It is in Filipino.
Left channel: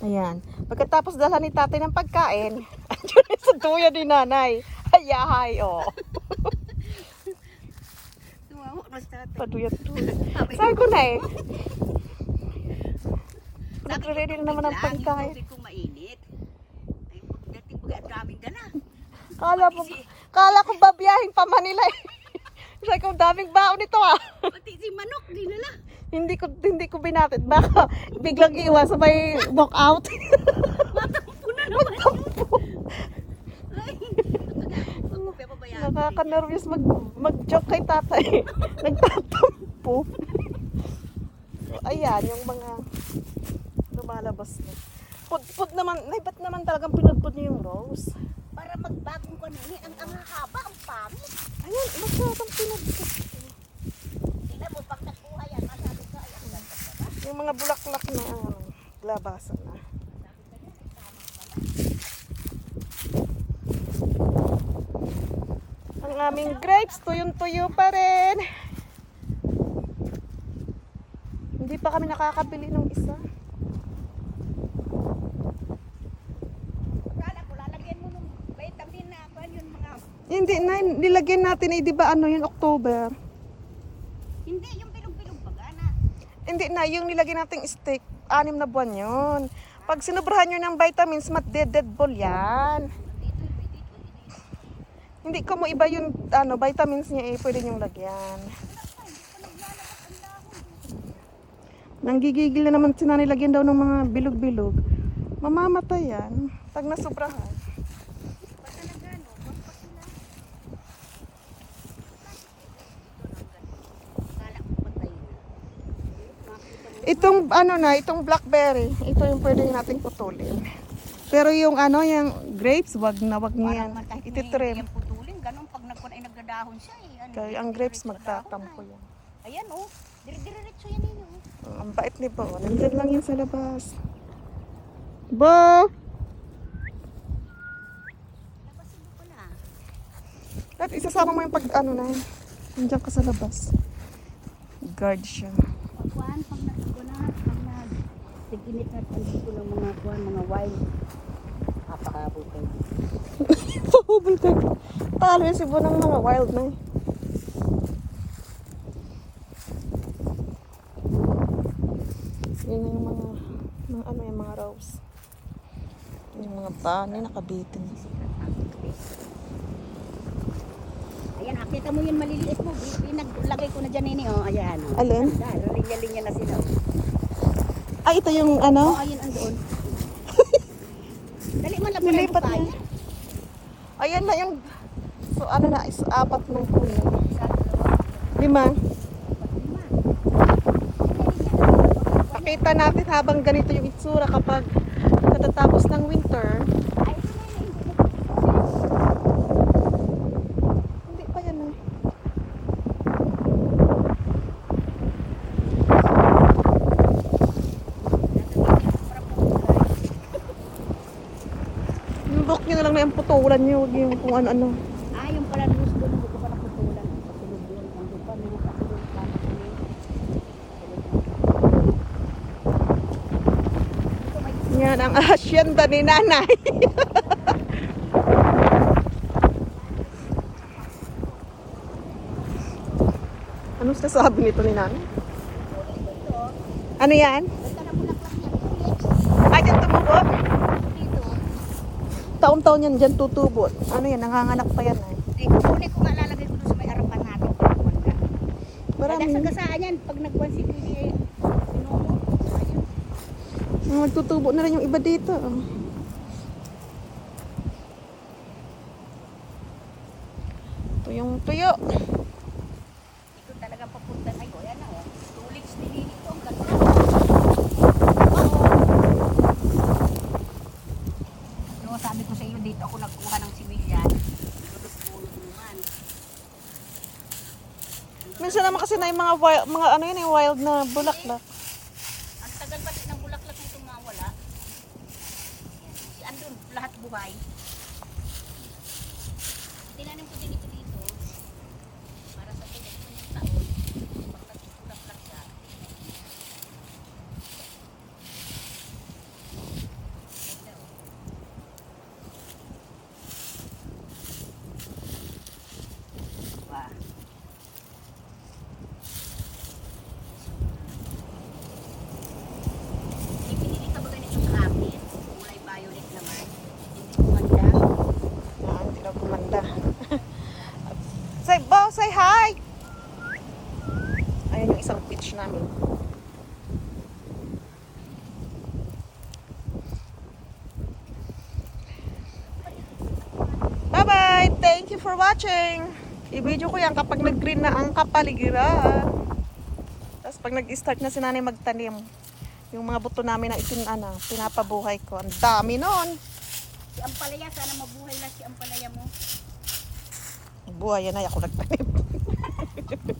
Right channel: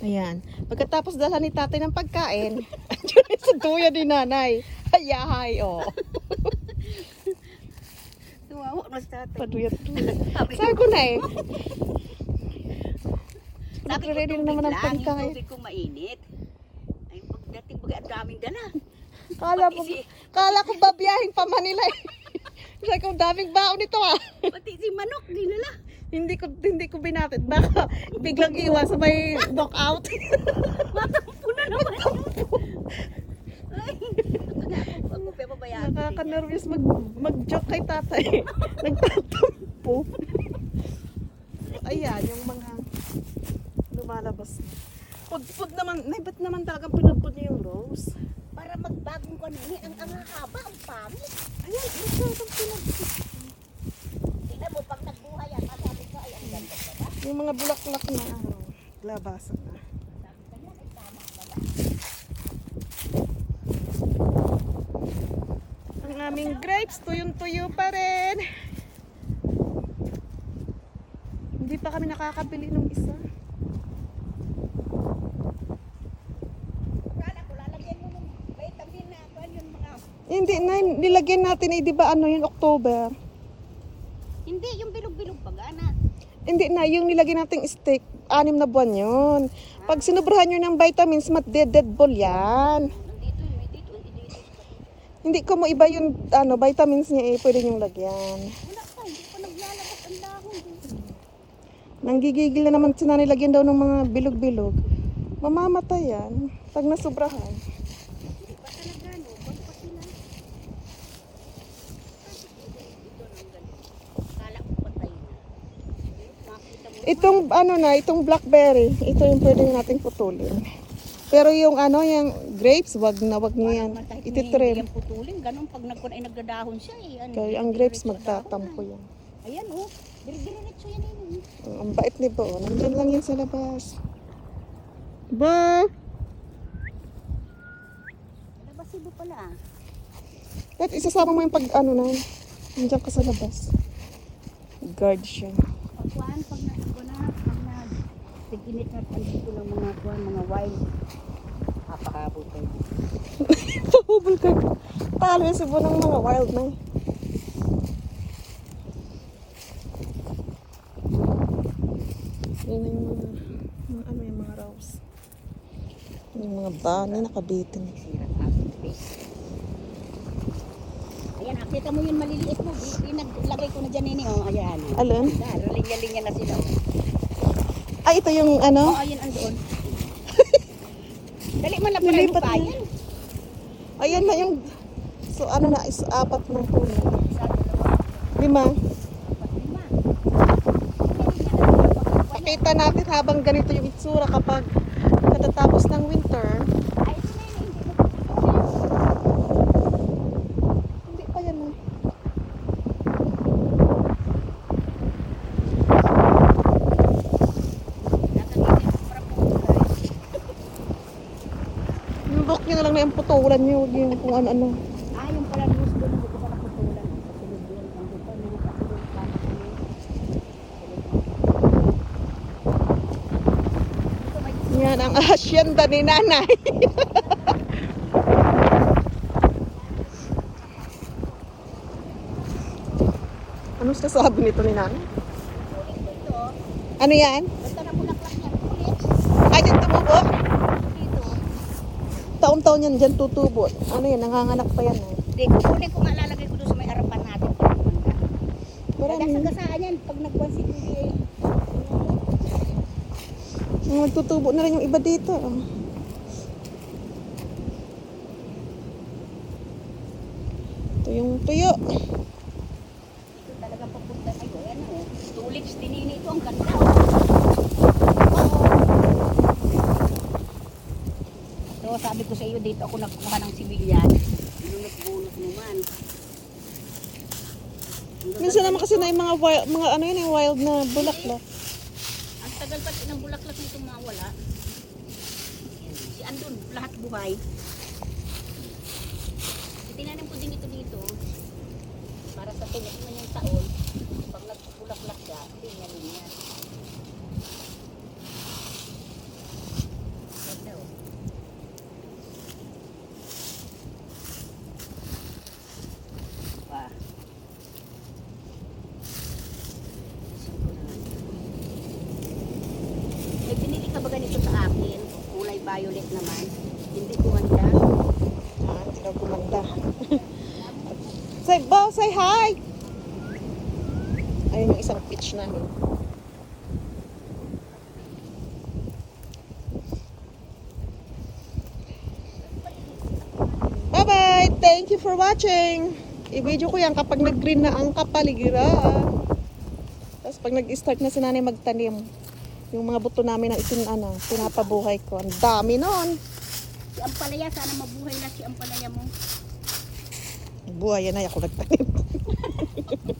Ayan. Pagkatapos dalhan ni tatay ng pagkain, andyan sa tuya ni nanay. Hayahay, oh. Tumawa mas tatay. Paduyat tuya. Sabi Sabi ko na eh. Sabi ko, tubig naman ng lang, yung pagkain. tubig kong mainit. Ay, pagdating baga, ang daming dala. Kala, ko, kala ko babiyahin pa Manila eh. Sabi ko, daming baon nito ah. pati si manok, dinala. Hindi ko hindi ko binatid. Baka biglang iwan sa may knockout. Matampo na naman. Ay, papabayaan. Nakaka-nervous mag, mag-joke kay tatay. Nagtatampo. Ayan, yung mga lumalabas na. Pud-pud naman, nay, ba't naman talagang pinudpud niyo yung rose? Para magbagong kanini, ang ang haba, ang pangit. Ayun, masyadong pinudpud. Tingnan mo, pag nagbuhay yan, masabi ka, ay, ang ganda pa ba? Yung mga bulaklak na um, labasan na. Ang aming grapes, tuyong-tuyo pa rin. Hindi pa kami nakakabili ng isa. Mga... Hindi na, nilagyan natin eh, di ba ano yun, October. Hindi, yung bilog-bilog pa gana. Hindi na, yung nilagyan nating steak, anim na buwan yun. Pag sinubrahan nyo ng vitamins, mat-dead ball yan. Hindi ko mo iba yung ano, vitamins niya eh, pwede nyong lagyan. Wala pa, hindi pa ang dahon. Nanggigigil na naman sila nilagyan daw ng mga bilog-bilog. Mamamatay yan pag nasubrahan. Hindi pa talaga, no? Kung pa sila. Bakit dito, dito nang ganito? Kala ko patay na. Makita mo, Itong ano na, itong blackberry, ito yung pwede nating putulin. Pero yung ano, yung grapes, wag na wag yan. kahit Ititrim. yan putulin, ganun pag nagkun ay nagdadahon siya eh. Ano, Kaya ang grapes magtatampo yan. Ayan oh, dire-diretso yan yun. oh. Oh, ang bait ni Bo. Nandyan lang yun sa labas. Bo! Labasido pala. At isasama mo yung pag ano na yun. Nandiyan ka sa labas. Guard siya. Pagkuhan, pag nagkuhan na, pag nag tiginit na andito ng mga kuhan, mga wild. Papahabol tayo. Pahubol ka. Talo si Bo ng mga wild na. Yan yung mga, mga ano yung mga rose. Yung mga bani nakabitin. Ayan, nakita mo yung maliliit mo. Pinaglagay ko na dyan ini, oh. Ayan. Oh. Alin? Dahil, linya-linya na sila. Oh. Ah, ito yung ano? Oh, ayun andoon. Dali man lang Nilipat pa yan. Ayan na yung... So ano na, is apat ng dalawa, Lima. Pakita natin habang ganito yung itsura kapag katatapos ng winter. Ay, ito na yun. Hindi mo Hindi pa yan. eh. Natanggal yung para putulay. Yung look nyo na lang na yung putulan nyo. Huwag yung kung ano-ano. Ah, yung pala loose doon, hindi ko pa naputulan. Patulog doon, nandun pa, meron pa doon, yun. Ito may Yan ang asyenda ni nanay. Anong sasabi nito ni nanay? Ano yan? Basta na bulaklak niya, tulis. Ay, dyan tumubo. Dito. Taon-taon yan dyan tutubo. Ano yan? Nanganganak pa yan. Eh. Hindi, kukunin ko nga lalagay ko doon sa may harapan natin. Marami. Sagasaan yan, pag nagbuwan si Kuya, eh, Oh, Magtutubo na rin yung iba dito. oh. Ito yung tuyo. ito talaga papunta. Ay, ayan na, oh. Tulips din ini ito, ang ganda. So, sabi ko sa iyo, dito ako nagkuha ng sibilyan. Nagbunot naman. Minsan naman kasi na yung mga wild, mga ano yun, yung wild na bulaklak. Ang tagal pati ng bulaklak nito mawala. Si Andun, lahat buhay. Tinanim ko din ito dito. Para sa tulos na yung taon, pag nagbulaklak siya, tingnan niya. Ito sa akin, kulay violet naman. Hindi kumatya. Ah, hindi raw gumanda. say, Bo, say hi! Ayun yung isang pitch namin. Bye-bye! Thank you for watching! I-video ko yan kapag nag-green na ang kapaligiran. Tapos pag nag-start na si nanay magtanim, yung mga buto namin na itin, ano, pinapabuhay ko. Ang dami noon. Si Ampalaya, sana mabuhay na si Ampalaya mo. Buhay yan ay ako nagtanim.